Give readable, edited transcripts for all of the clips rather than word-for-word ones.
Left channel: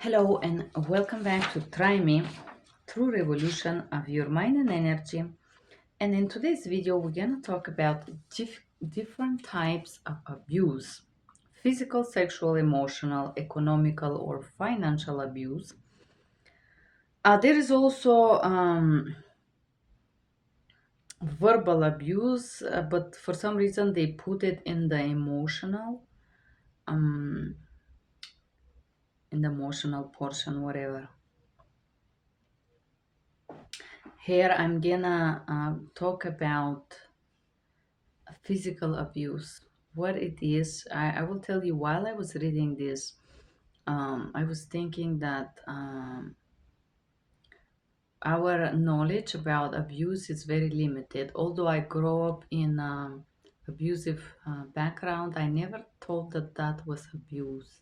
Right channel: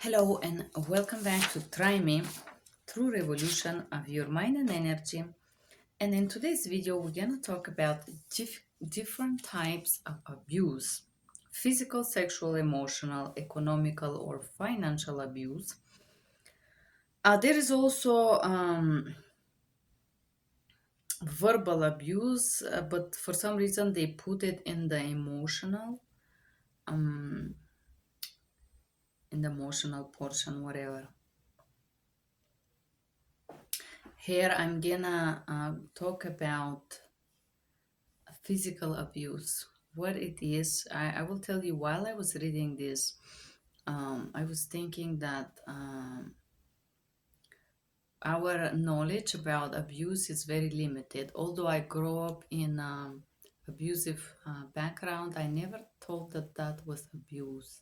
Hello and welcome back to Try Me, True Revolution of Your Mind and Energy. And in today's video, we're going to talk about different types of abuse: physical, sexual, emotional, economical, or financial abuse. There is also verbal abuse, but for some reason they put it um, in the emotional portion, whatever. Here I'm gonna talk about physical abuse. What it is, I will tell you. While I was reading this, I was thinking that our knowledge about abuse is very limited. Although I grew up in abusive background, I never thought that that was abuse.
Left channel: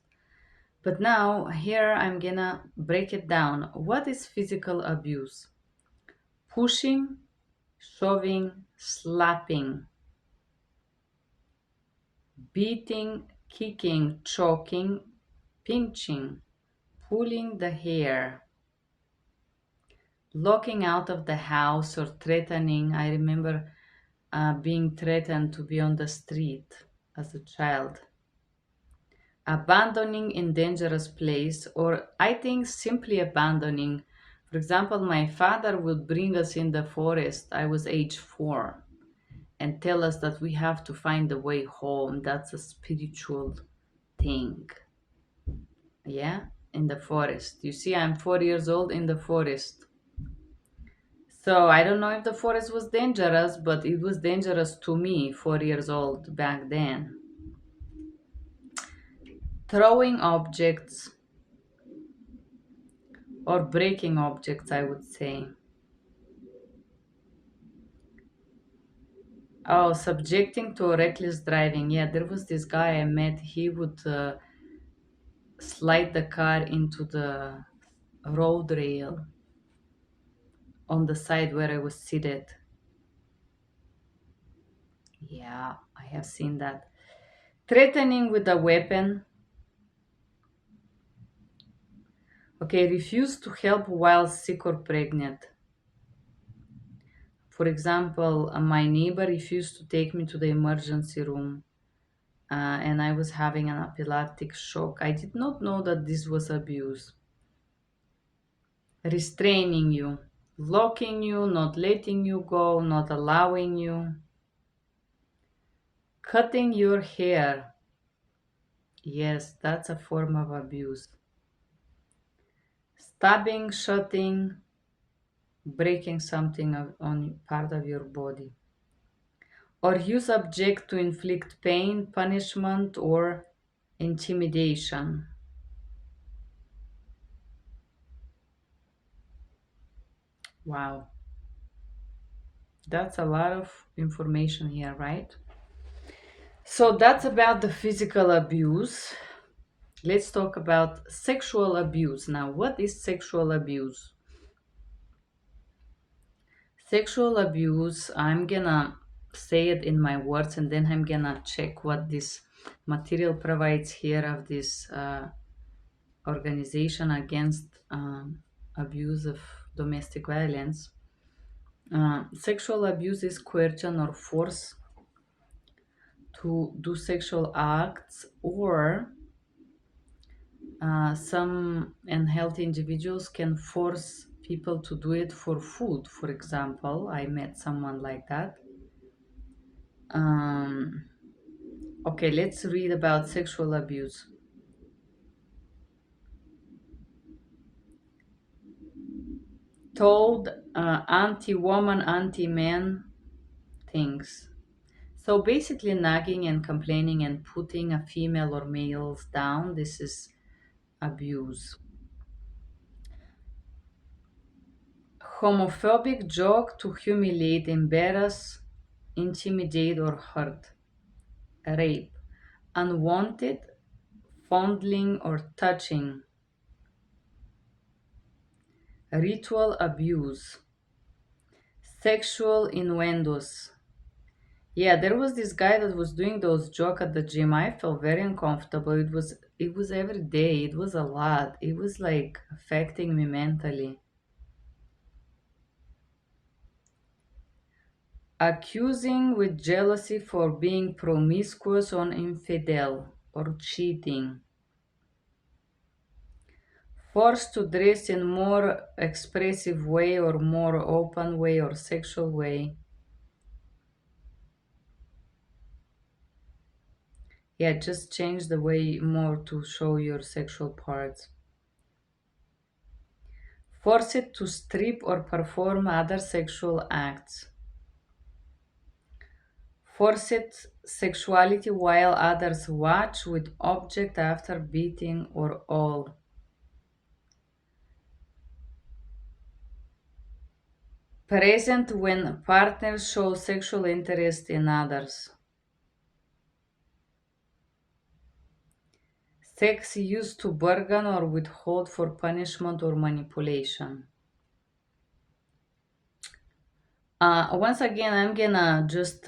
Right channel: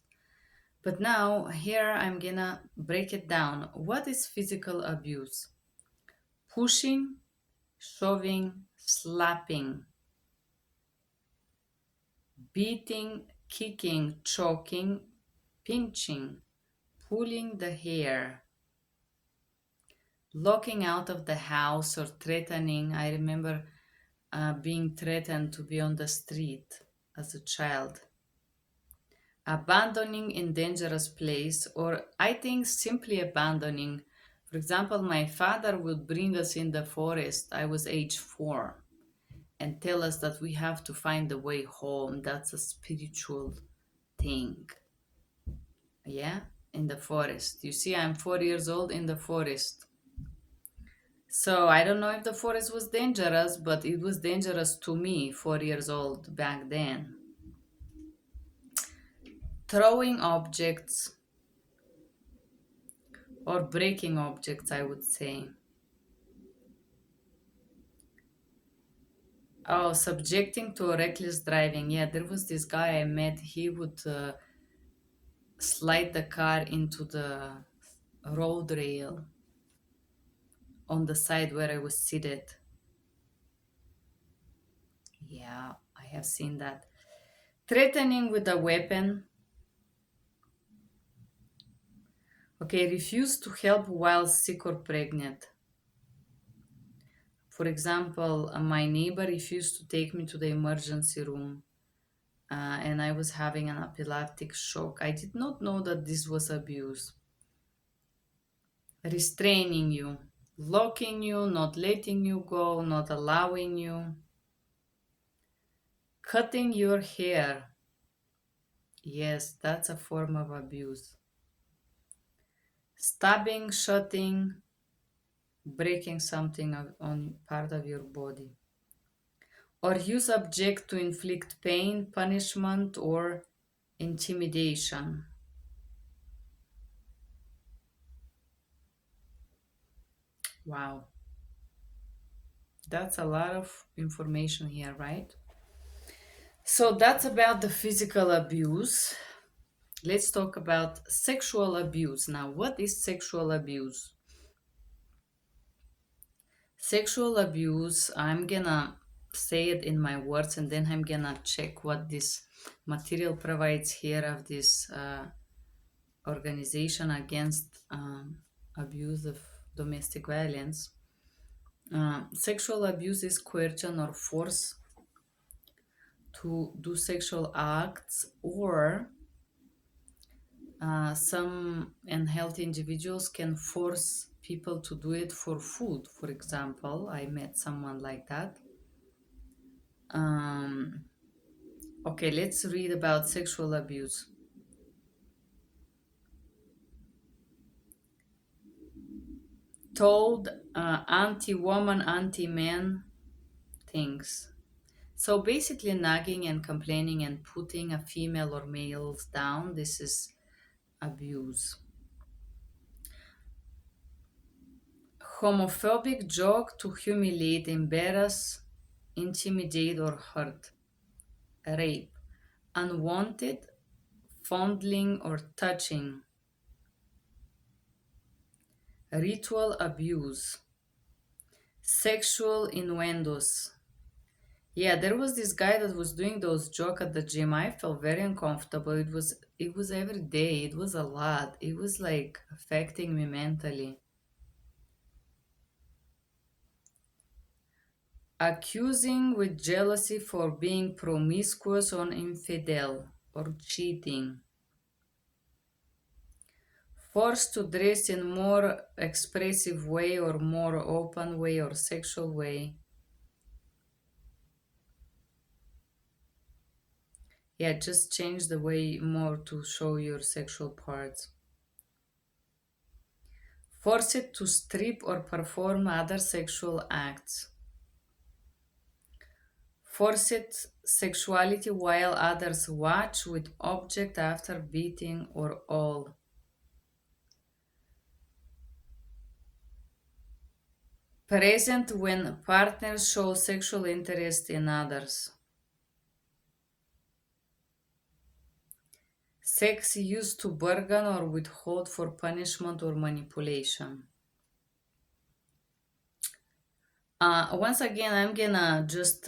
But now here I'm gonna break it down. What is physical abuse? Pushing, shoving, slapping, beating, kicking, choking, pinching, pulling the hair, locking out of the house or threatening. I remember being threatened to be on the street as a child. Abandoning in dangerous place, or I think simply abandoning. For example, my father would bring us in the forest. I was age 4 and tell us that we have to find the way home. That's a spiritual thing. Yeah, in the forest. You see, I'm 4 years old in the forest. So I don't know if the forest was dangerous, but it was dangerous to me, 4 years old back then. Throwing objects or breaking objects, I would say. Oh, subjecting to reckless driving. Yeah, there was this guy I met. He would slide the car into the road rail on the side where I was seated. Yeah, I have seen that. Threatening with a weapon. Okay, refuse to help while sick or pregnant. For example, my neighbor refused to take me to the emergency room and I was having an epileptic shock. I did not know that this was abuse. Restraining you, locking you, not letting you go, not allowing you. Cutting your hair. Yes, that's a form of abuse. Stabbing, shooting, breaking something on part of your body. Or use object to inflict pain, punishment, or intimidation. Wow, that's a lot of information here, right? So that's about the physical abuse. Let's talk about sexual abuse. Now, what is sexual abuse? Sexual abuse, I'm gonna say it in my words and then I'm gonna check what this material provides here of this organization against abuse of domestic violence. Sexual abuse is coercion or force to do sexual acts, or some unhealthy individuals can force people to do it for food. For example, I met someone like that. Okay, let's read about sexual abuse. Told anti-woman, anti-man things. So basically nagging and complaining and putting a female or males down, this is abuse. Homophobic joke to humiliate, embarrass, intimidate, or hurt. Rape. Unwanted, fondling or touching. Ritual abuse. Sexual innuendos. Yeah, there was this guy that was doing those jokes at the gym. I felt very uncomfortable. It was it was every day. It was a lot. It was like affecting me mentally. Accusing with jealousy for being promiscuous or infidel or cheating. Forced to dress in more expressive way or more open way or sexual way. Yeah, just change the way more to show your sexual parts. Forced to strip or perform other sexual acts. Forced sexuality while others watch with object after beating or all. Present when partners show sexual interest in others. Sex used to bargain or withhold for punishment or manipulation. Once again, I'm gonna just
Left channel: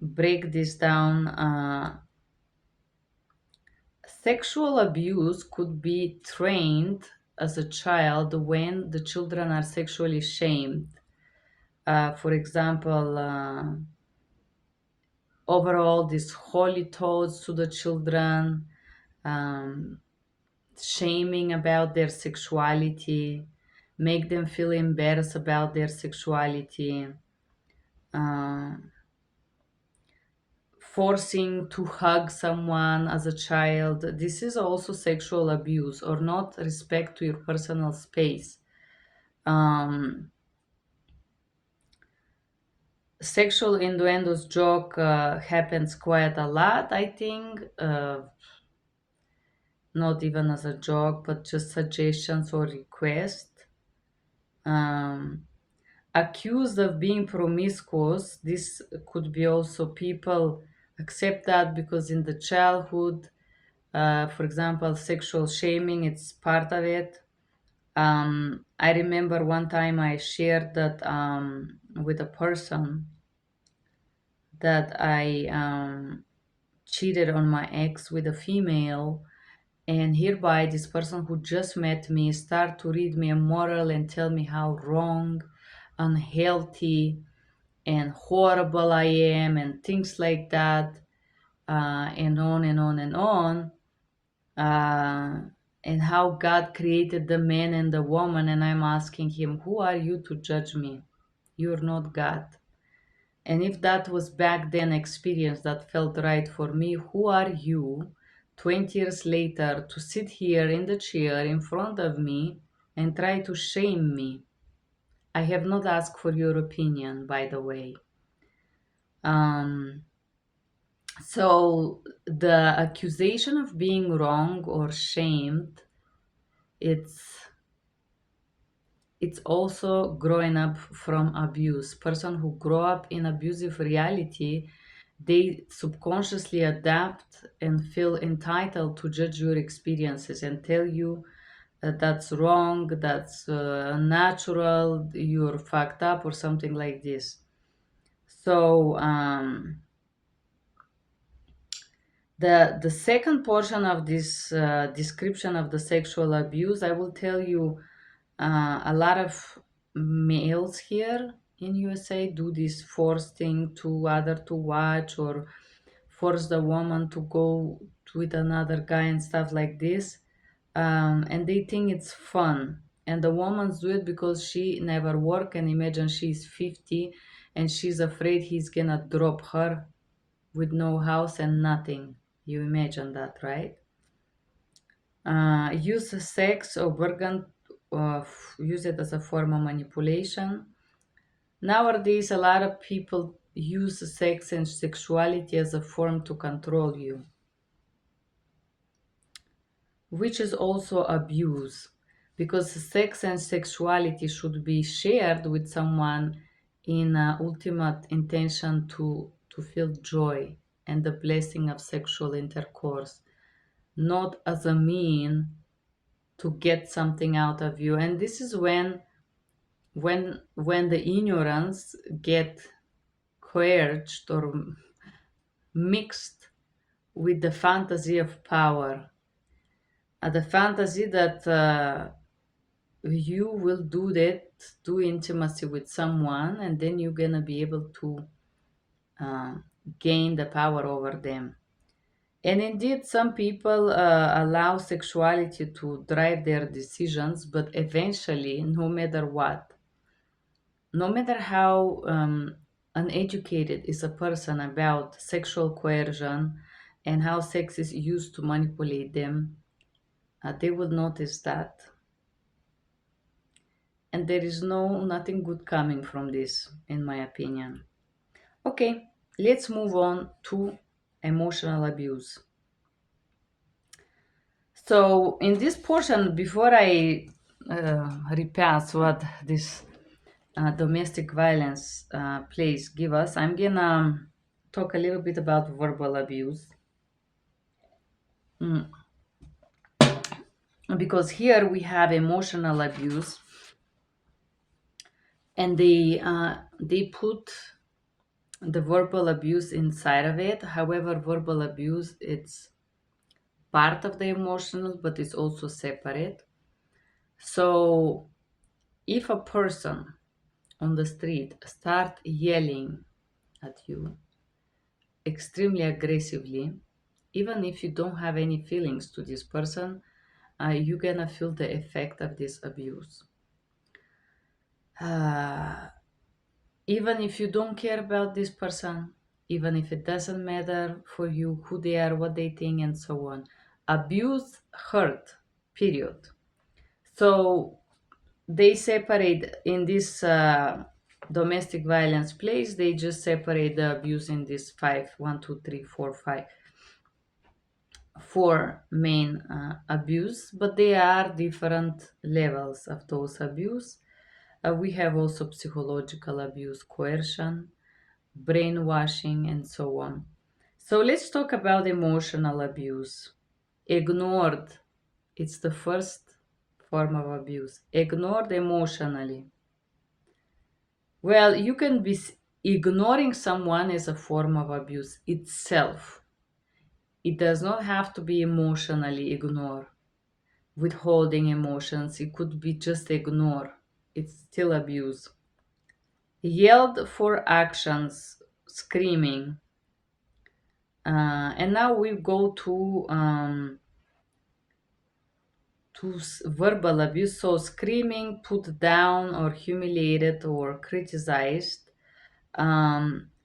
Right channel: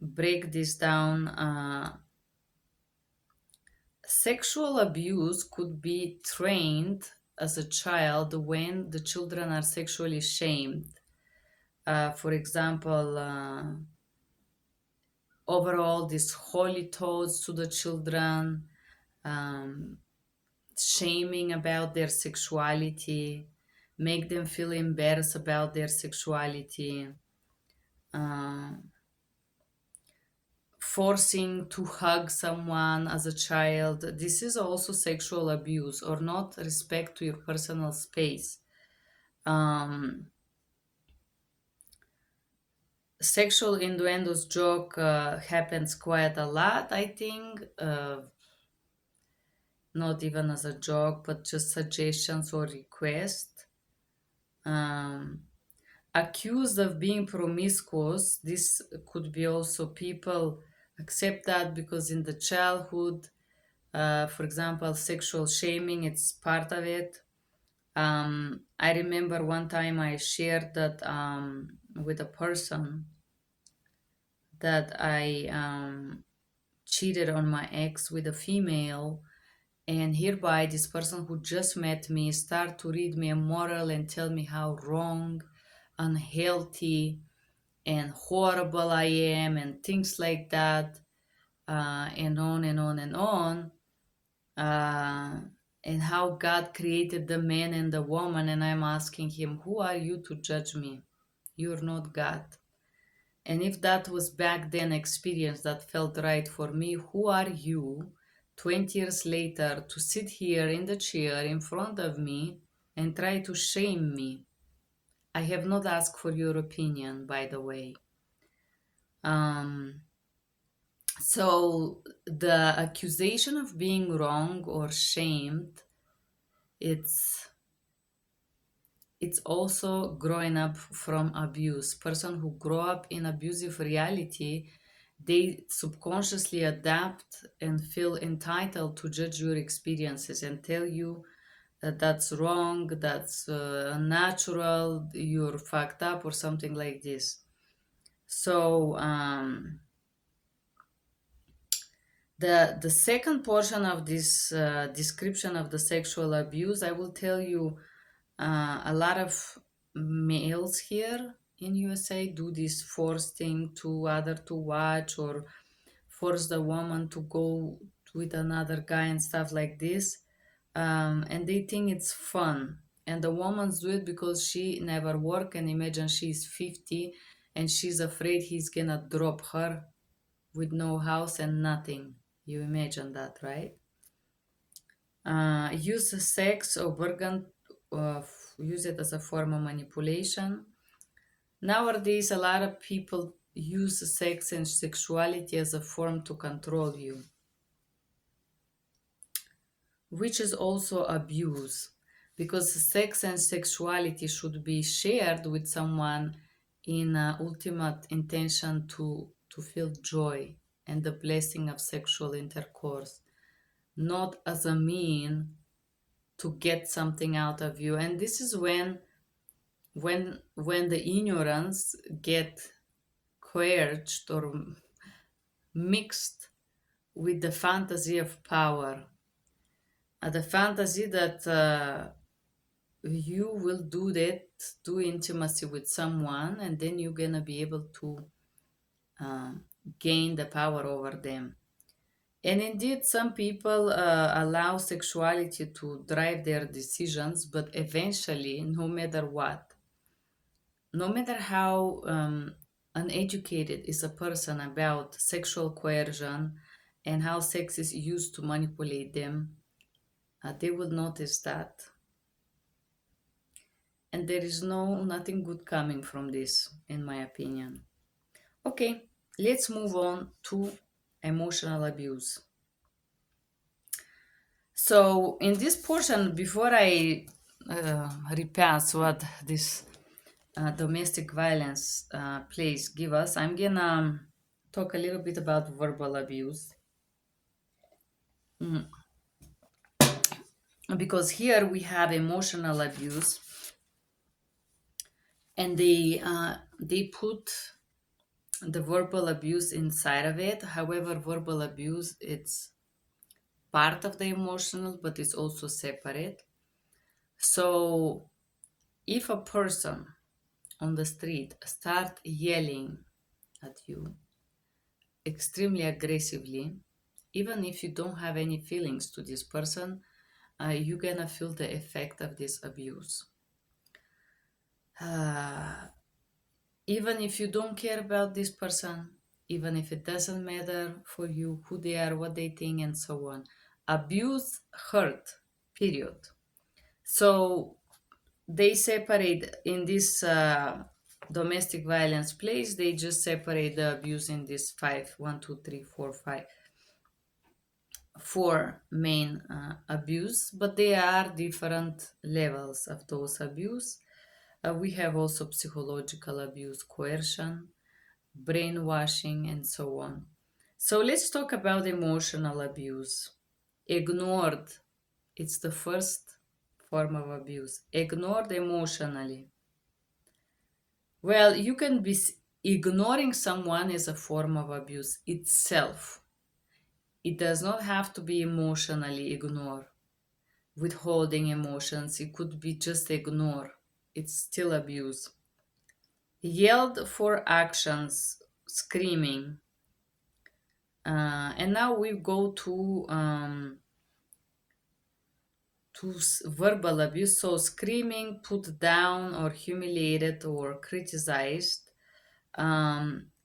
break this down. Sexual abuse could be trained as a child when the children are sexually shamed. For example, overall, these holy thoughts to the children, um, shaming about their sexuality, make them feel embarrassed about their sexuality, uh, forcing to hug someone as a child. This is also sexual abuse or not respect to your personal space. Um, Sexual innuendos joke happens quite a lot, I think. Not even as a joke, but just suggestions or requests. Um, Accused of being promiscuous, this could be also people accept that because in the childhood, for example, sexual shaming, it's part of it. I remember one time I shared that with a person that I cheated on my ex with a female, and hereby this person who just met me start to read me a moral and tell me how wrong, unhealthy, and horrible I am, and things like that, and on and on and on, uh, and how God created the man and the woman. And I'm asking him, who are you to judge me? You're not God. And if that was back then experience that felt right for me, who are you 20 years later to sit here in the chair in front of me and try to shame me? I have not asked for your opinion, by the way. Um, so the accusation of being wrong or shamed, it's it's also growing up from abuse. Person who grow up in abusive reality, they subconsciously adapt and feel entitled to judge your experiences and tell you that that's wrong, that's natural, you're fucked up, or something like this. So the second portion of this description of the sexual abuse, I will tell you a lot of males here in USA do this force thing to other to watch or force the woman to go with another guy and stuff like this. And they think it's fun. And the woman's do it because she never work and imagine she's 50 and she's afraid he's gonna drop her with no house and nothing. You imagine that, right? Use sex or organ, use it as a form of manipulation. Nowadays, a lot of people use sex and sexuality as a form to control you, which is also abuse because sex and sexuality should be shared with someone in ultimate intention to feel joy and the blessing of sexual intercourse, not as a mean to get something out of you. And this is when the ignorance get coerced or mixed with the fantasy of power, the fantasy that you will do intimacy with someone, and then you're gonna be able to uh, gain the power over them. And indeed, some people allow sexuality to drive their decisions, but eventually, no matter how uneducated is a person about sexual coercion and how sex is used to manipulate them, they will notice that. And there is nothing good coming from this, in my opinion. Okay, let's move on to emotional abuse. So, in this portion, before I repass what this domestic violence plays give us, I'm gonna talk a little bit about verbal abuse. Mm, because here we have emotional abuse, and they put the verbal abuse inside of it. However, verbal abuse it's part of the emotional, but it's also separate. So, if a person on the street start yelling at you extremely aggressively, even if you don't have any feelings to this person, you're gonna feel the effect of this abuse. Uh, Even if you don't care about this person, even if it doesn't matter for you who they are, what they think, and so on. Abuse hurt, period. So they separate in this domestic violence place, they just separate the abuse in this five, one, two, three, four, five, four main abuse, but they are different levels of those abuse. We have also psychological abuse, coercion, brainwashing, and so on. So let's talk about emotional abuse. Ignored, it's the first form of abuse. Ignored emotionally. Well, you can be ignoring someone as a form of abuse itself. It does not have to be emotionally ignored, withholding emotions. It could be just ignore. It's still abuse. Yelled for actions, screaming. And now we go to verbal abuse. So screaming, put down, or humiliated, or criticized.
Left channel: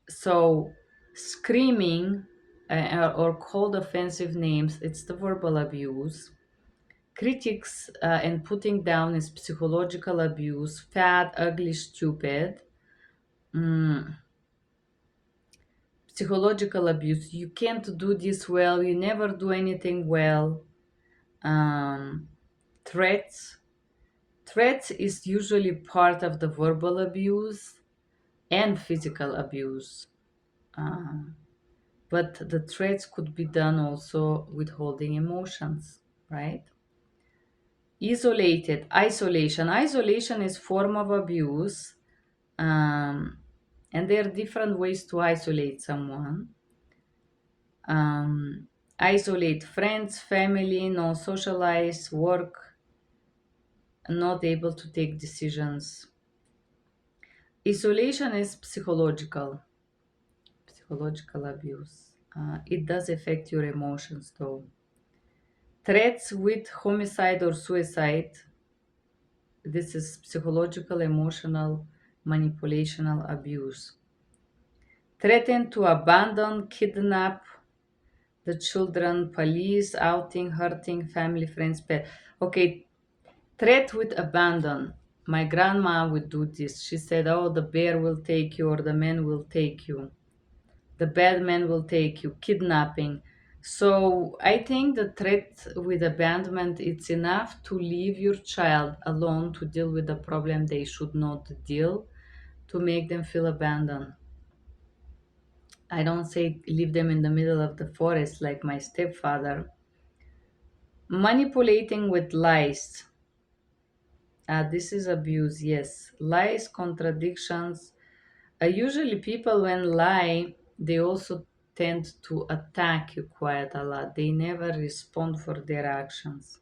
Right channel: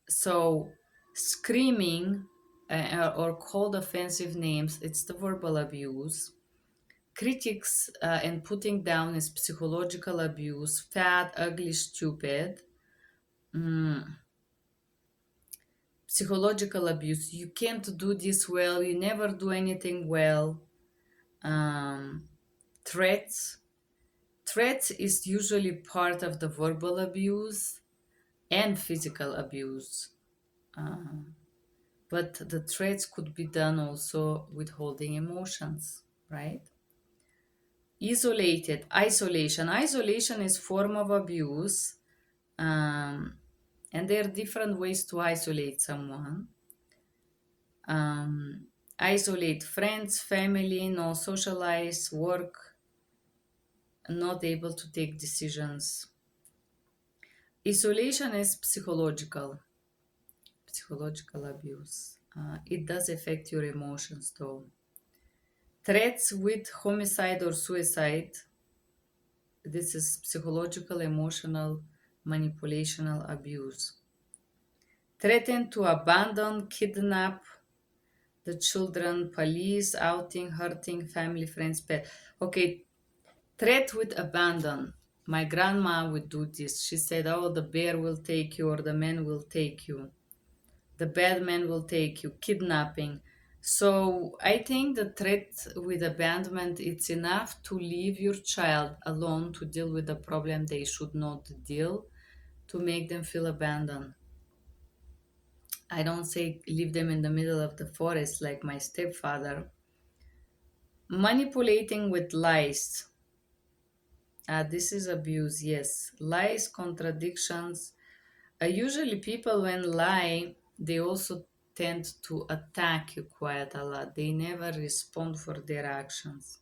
So screaming or called offensive names, it's the verbal abuse. Critics and putting down is psychological abuse. Fat, ugly, stupid. Mm, Psychological abuse. You can't do this well. You never do anything well. Um, Threats. Threats is usually part of the verbal abuse and physical abuse. Uh, but the threats could be done also withholding emotions, right? Isolated, isolation. Isolation is form of abuse, um, and there are different ways to isolate someone. Um, Isolate friends, family, no socialize, work, not able to take decisions. Isolation is psychological abuse. It does affect your emotions though. Threats with homicide or suicide. This is psychological, emotional, manipulational abuse. Threaten to abandon, kidnap the children, police, outing, hurting, family, friends, pet. Okay, threat with abandon. My grandma would do this. She said, oh, the bear will take you or the man will take you. The bad man will take you. Kidnapping. So I think the threat with abandonment, it's enough to leave your child alone to deal with the problem they should not deal, to make them feel abandoned. I don't say leave them in the middle of the forest like my stepfather. Manipulating with lies. This is abuse, yes. Lies, contradictions. Usually people when lie, they also tend to attack you quite a lot. They never respond for their actions.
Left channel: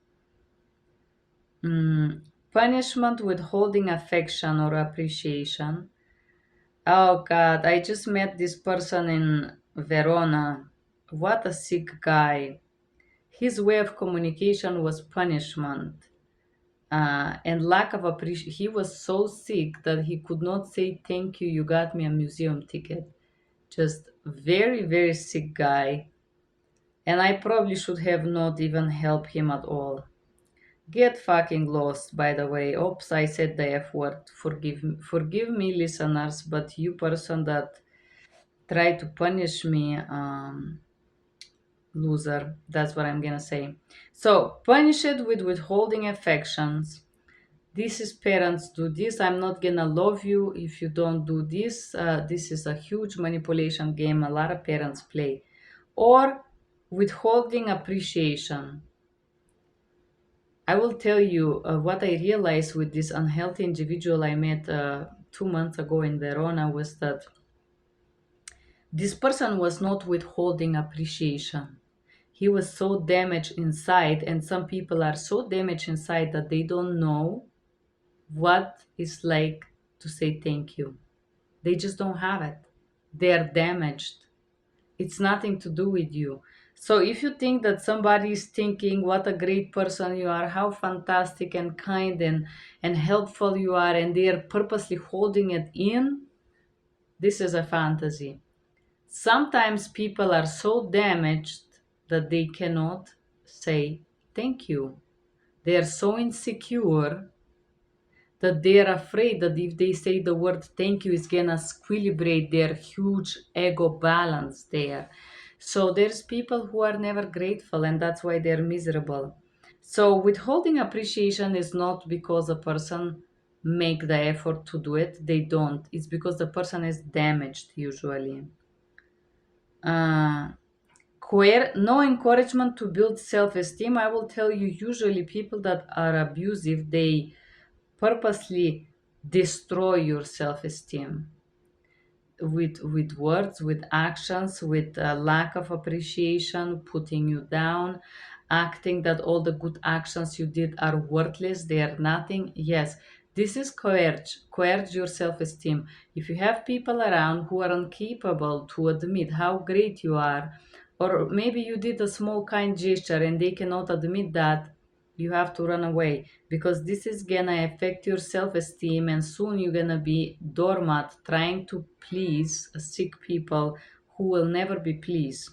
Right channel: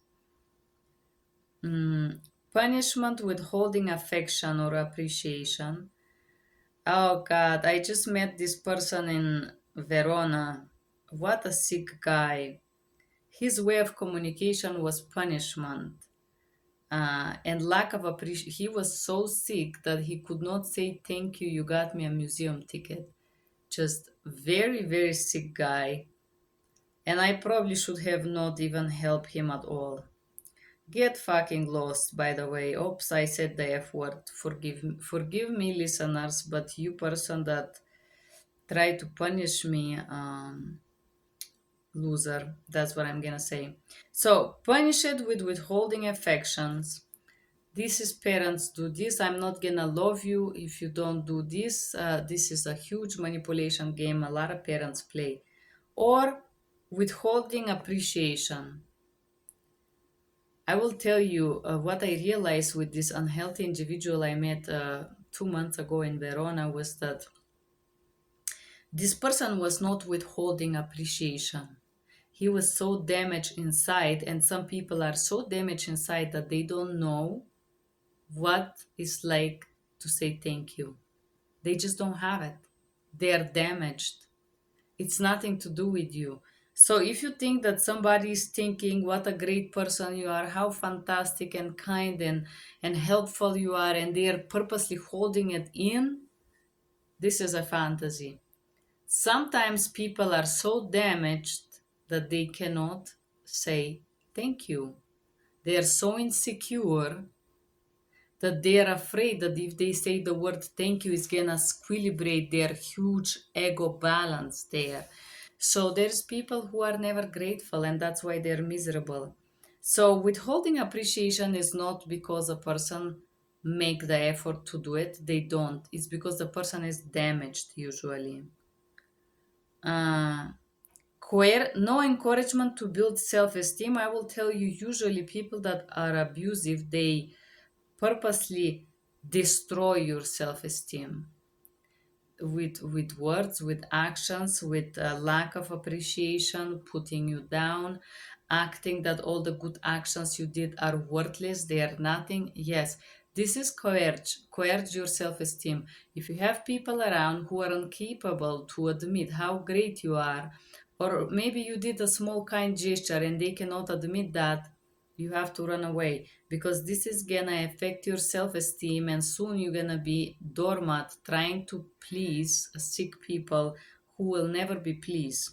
Mm, Punishment withholding affection or appreciation. Oh God, I just met this person in Verona. What a sick guy. His way of communication was punishment. And lack of appreciation. He was so sick that he could not say thank you, you got me a museum ticket. Just very, very sick guy. And I probably should have not even helped him at all. Get fucking lost, by the way. Oops, I said the F word. Forgive me, listeners, but you person that tried to punish me, loser. That's what I'm gonna say. So, punish it with withholding affections. This is parents do this. I'm not gonna love you if you don't do this. This is a huge manipulation game a lot of parents play. Or withholding appreciation. I will tell you what I realized with this unhealthy individual I met 2 months ago in Verona was that this person was not withholding appreciation. He was so damaged inside, and some people are so damaged inside that they don't know what it's like to say thank you. They just don't have it. They're damaged. It's nothing to do with you. So if you think that somebody is thinking what a great person you are, how fantastic and kind and helpful you are, and they are purposely holding it in, this is a fantasy. Sometimes people are so damaged that they cannot say thank you. They are so insecure that they're afraid that if they say the word thank you, it's gonna squilibrate their huge ego balance there. So there's people who are never grateful, and that's why they're miserable. So withholding appreciation is not because a person make the effort to do it. They don't. It's because the person is damaged usually. Uh, no encouragement to build self-esteem. I will tell you, usually people that are abusive, they purposely destroy your self-esteem with words, with actions, with a lack of appreciation, putting you down, acting that all the good actions you did are worthless, they are nothing. Yes, this is coerce your self-esteem. If you have people around who are incapable to admit how great you are, or maybe you did a small kind gesture and they cannot admit that, you have to run away, because this is gonna affect your self-esteem, and soon you're gonna be doormat trying to please sick people who will never be pleased.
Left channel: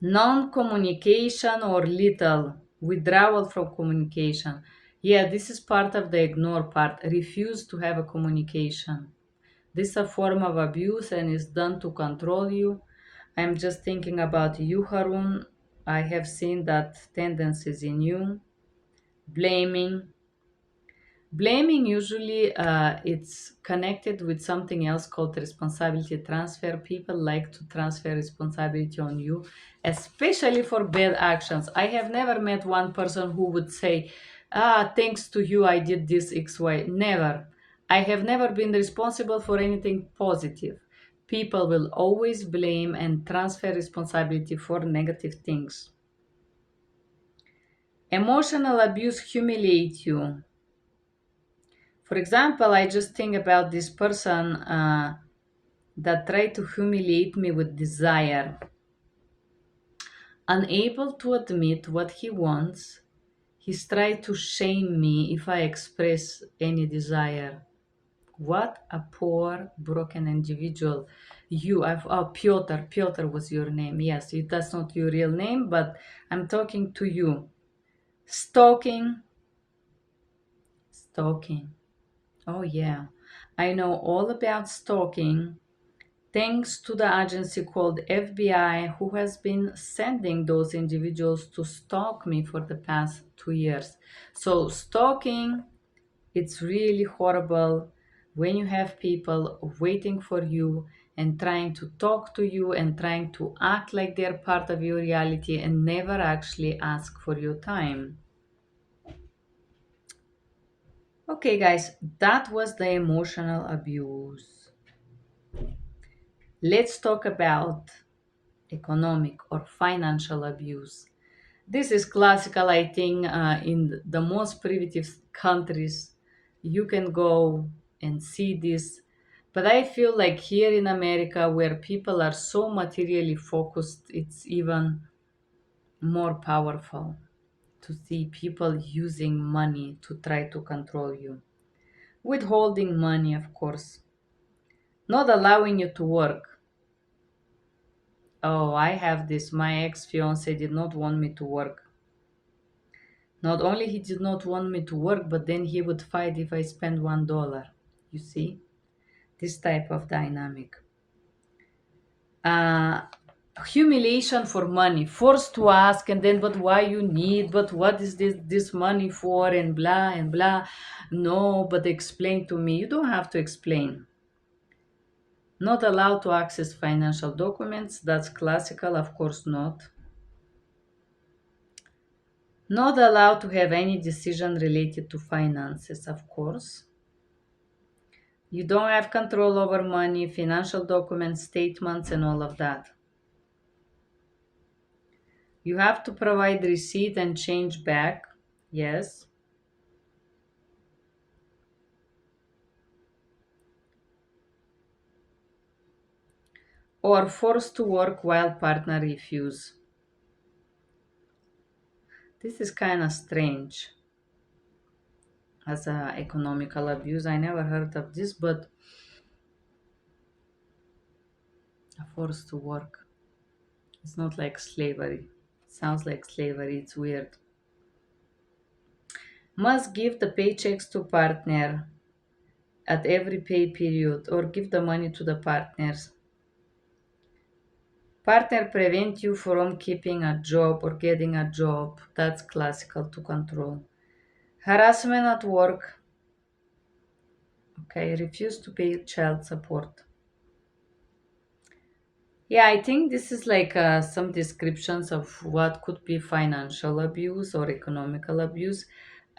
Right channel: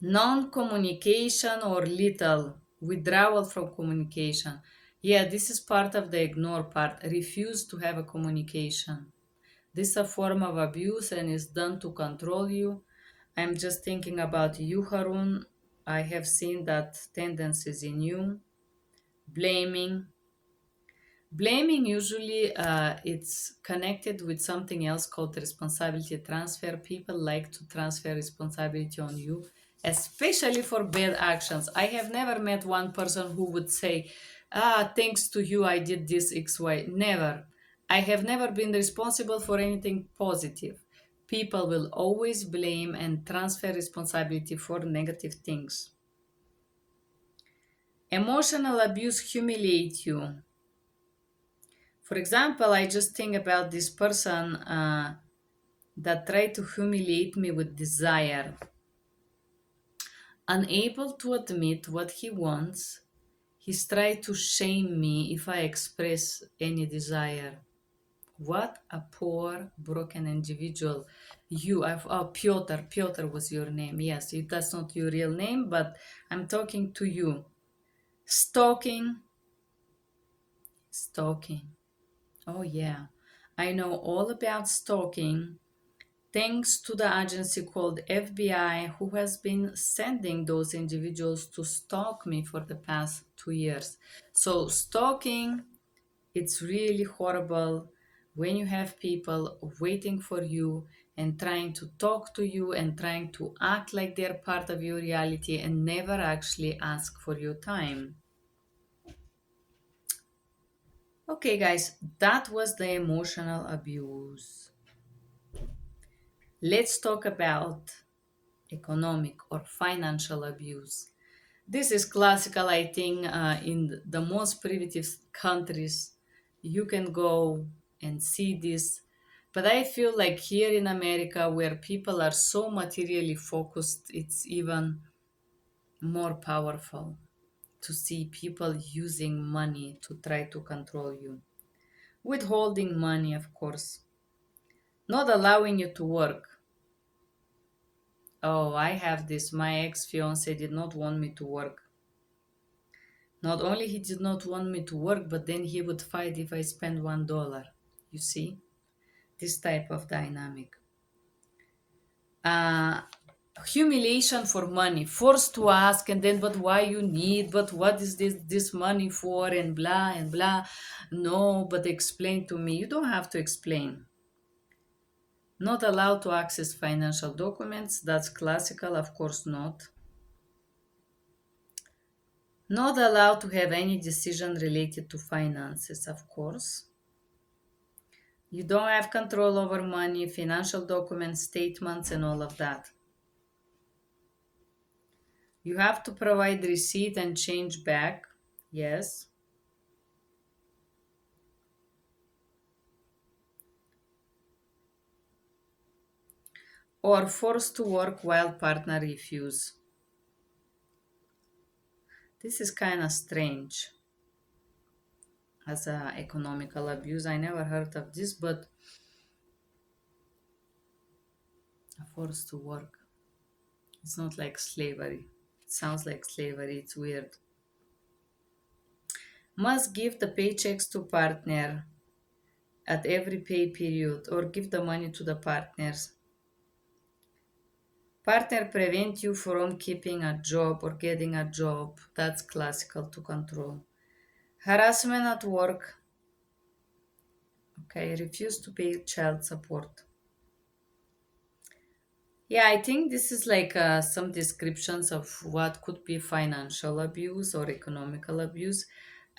Non-communication or little withdrawal from communication. Yeah, this is part of the ignore part. Refuse to have a communication. This is a form of abuse and is done to control you. I'm just thinking about you, Harun. I have seen that tendencies in you. Blaming. Blaming usually it's connected with something else called responsibility transfer. People like to transfer responsibility on you, especially for bad actions. I have never met one person who would say, thanks to you, I did this XY. Never. I have never been responsible for anything positive. People will always blame and transfer responsibility for negative things. Emotional abuse humiliates you. For example, I just think about this person that tried to humiliate me with desire. Unable to admit what he wants, he's tried to shame me if I express any desire. What a poor, broken individual. Piotr was your name. Yes, that's not your real name, but I'm talking to you. Stalking, stalking. Oh, yeah. I know all about stalking thanks to the agency called FBI, who has been sending those individuals to stalk me for the past 2 years. So, stalking, it's really horrible when you have people waiting for you and trying to talk to you and trying to act like they're part of your reality and never actually ask for your time. Okay, guys, that was the emotional abuse. Let's talk about economic or financial abuse. This is classical, I think, in the most primitive countries. You can go and see this. But I feel like here in America, where people are so materially focused, it's even more powerful to see people using money to try to control you. Withholding money, of course, not allowing you to work. Oh, I have this. My ex fiance did not want me to work. Not only he did not want me to work, but then he would fight if I spend $1. You see, this type of dynamic. Uh, Humiliation for money, forced to ask, and then, but why you need, but what is this money for, and blah and blah. No, but explain to me. You don't have to explain. Not allowed to access financial documents. That's classical, of course not. Not allowed to have any decision related to finances, of course. You don't have control over money, financial documents, statements, and all of that. You have to provide receipt and change back. Yes. Or forced to work while partner refuse. This is kind of strange as a economical abuse. I never heard of this, but forced to work. It's not like slavery. It sounds like slavery. It's weird. Must give the paychecks to partner at every pay period or give the money to the partners. Partner prevent you from keeping a job or getting a job. That's classical to control. Harassment at work. Okay, refuse to pay child support. Yeah, I think this is like some descriptions of what could be financial abuse or economical abuse.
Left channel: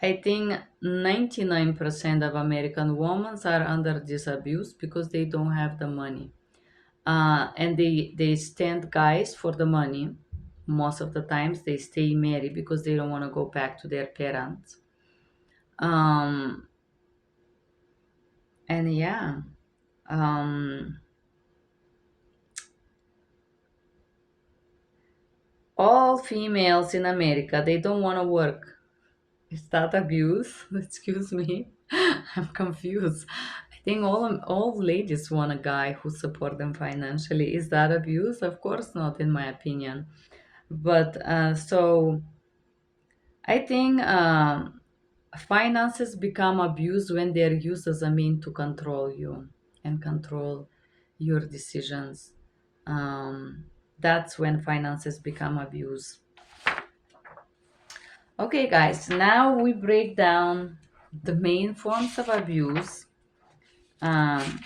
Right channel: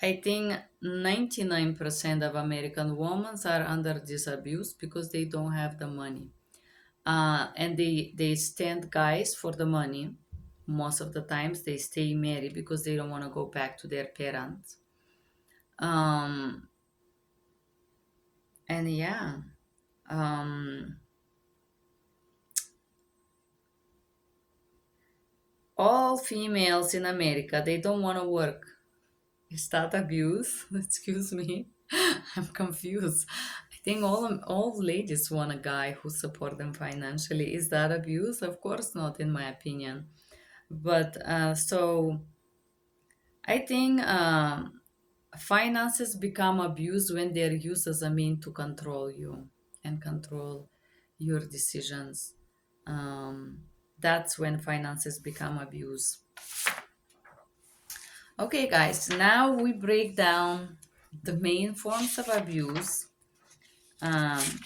I think 99% of American women are under this abuse because they don't have the money. And they stand guys for the money. Most of the times they stay married because they don't want to go back to their parents. Um, and yeah, um, all females in America, they don't want to work. Is that abuse? Excuse me. I'm confused. I think all ladies want a guy who support them financially. Is that abuse? Of course not, in my opinion. But so I think finances become abused when they're used as a mean to control you and control your decisions. Um, that's when finances become abuse. Okay, guys, now we break down the main forms of abuse. Um,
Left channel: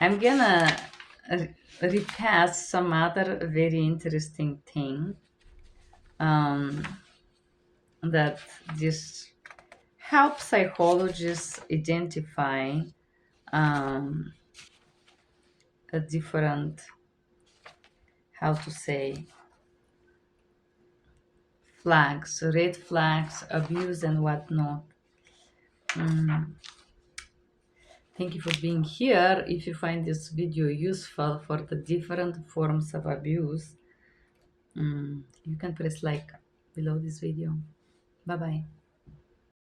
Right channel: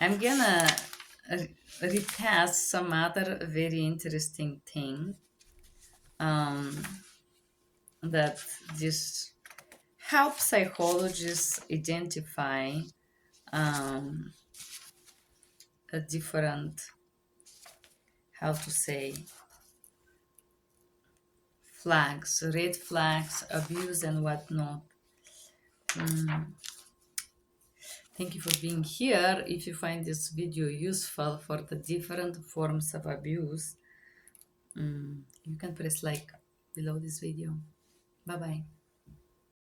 I'm gonna recast some other very interesting thing um, that this helps psychologists identify um, a different, how to say, flags, red flags, abuse, and whatnot. Thank you for being here. If you find this video useful for the different forms of abuse, you can press like below this video. Bye bye.